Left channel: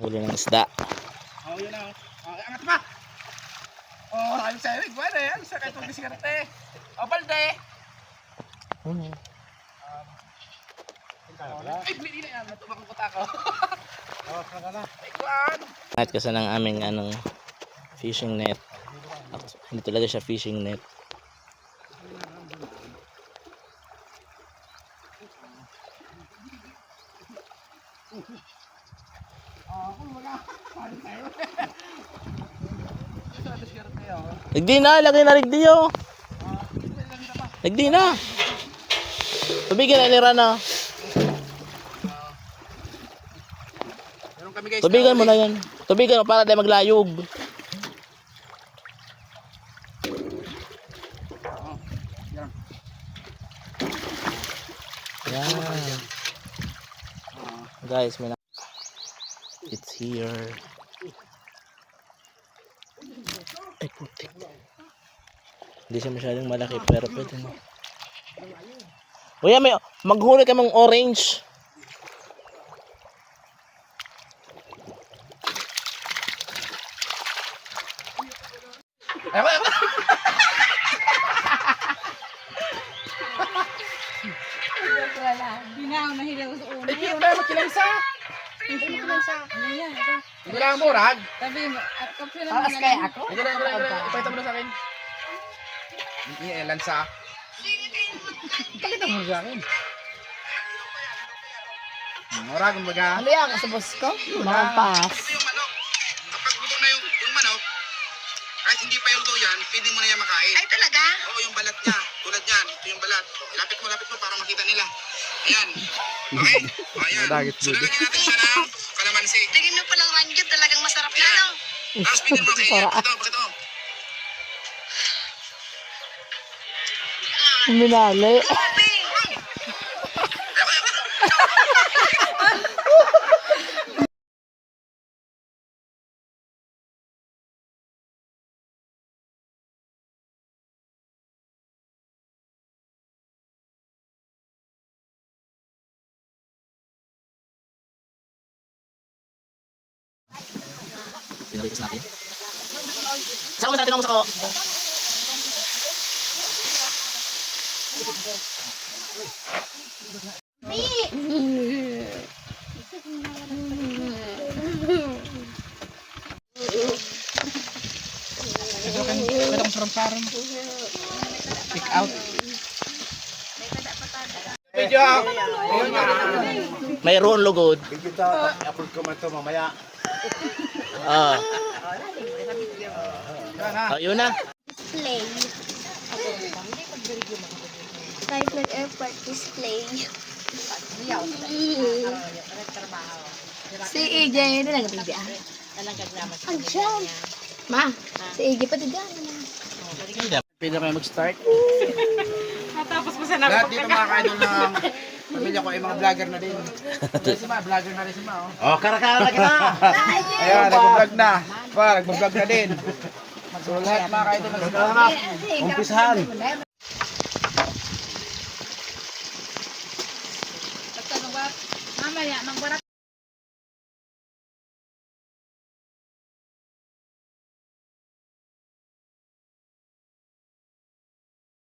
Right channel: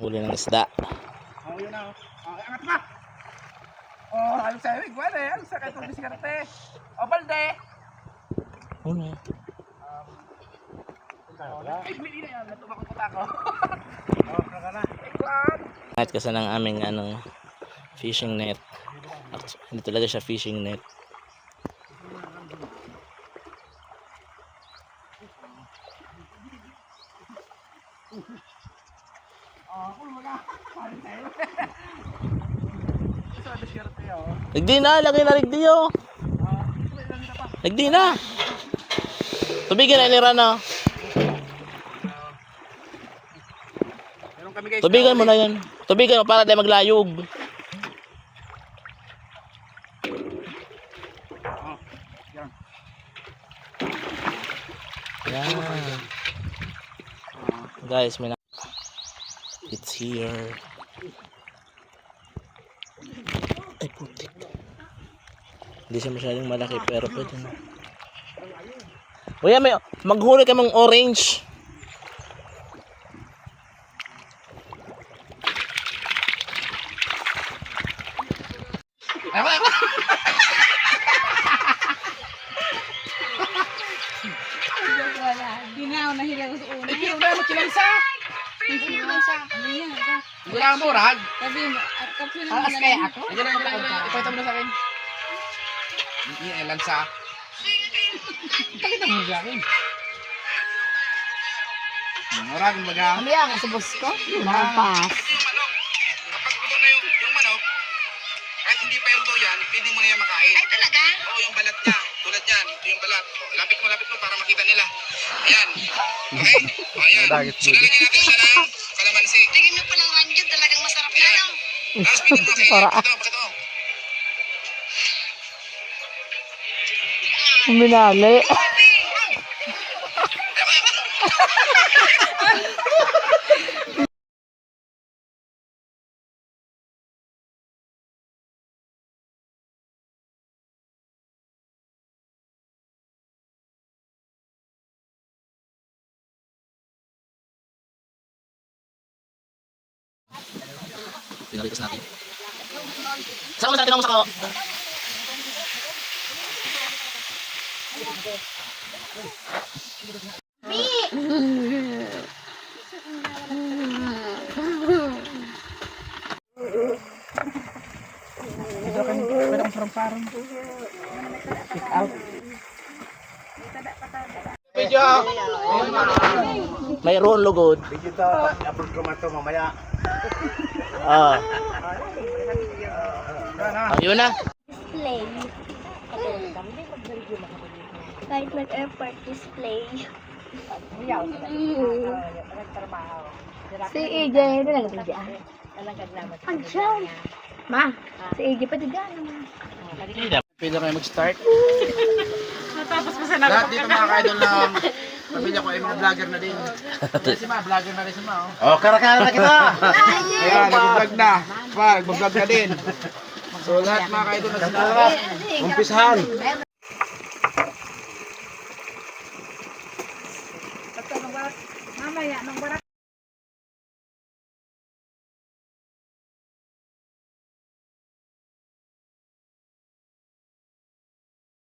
Huli ng isda. Oh, yun na. Oh, angat pa. Oh, ayos sa'yo. Igual eh. Ayos sa itong diskarte. Oh, balde. Huli. Ay, hindi na yan. Natubak ang kuta ko. Oh, kakala. Igual. Kahit kasi ng aming fishing net. Hindi talaga siya fishing net. Oh, kung mga. Paano tayo? Ito sa diskarte oh. Nagdi na, lagay na rigdi oh. Nagdi na. Tubigan na nira na. Meron kami guys. Tubigan mo na yan. Tubigan mo para di maglayog. Yan. Guys, may it's here. Ay, putik. Hindi siya masyadong malaki pero pwede na. Uy, may maghuli ka mong orange. Ewan. Hindi na ako nahilaw sa una. Ay, una mo kilangsa. Ano yan? Hindi lang mo, Rag. Sabi mo, at kapsula mo Alas na kaya lang. ako? Hindi lang. Ipahita mo na sa akin. Hindi, lansa. Pakita mo sa akin. Rag, mga. Ano yan? Sa boss ko? Makapas. Kapag luto na yung manok, kahit hindi pa yung luto yan, pwede mo na yan makain. Ay, talaga? Oo, yung balat niya. Tulad yan, ito yung balat. Lapit mo para makita nila. Ayan. Okay? O, ayan. So, lalagyan natin siya ng kalamansi. Tingin mo palang ranjud, talagang masarap na, no? Tapos pwede mo kainin. Bakit ito? Uminali. Pinalitas natin. Saan mo natin ang musako? Pwede kong sarang-sarang. Pick out. Video. Mayroon lugod. Kita upload ko man to mamaya. Ah. Yun na. Display. Kahit nag-airport display. Si EJ, na lang ito dyan. Andiyan. Ma, si EJ pati dyan. Pwede kayo mag-start. Matapos mo sa Lahat dito mga ka-idol ng pamilya ko ay mga vlogger na din. Si Ma, vlogger na rin si Ma. Oh, karakara na kita. Ayan, nag-vlog na. Mag-vlog na din. So lahat mga ka-idol na sila. Umpisahan. Mamaya, nang barat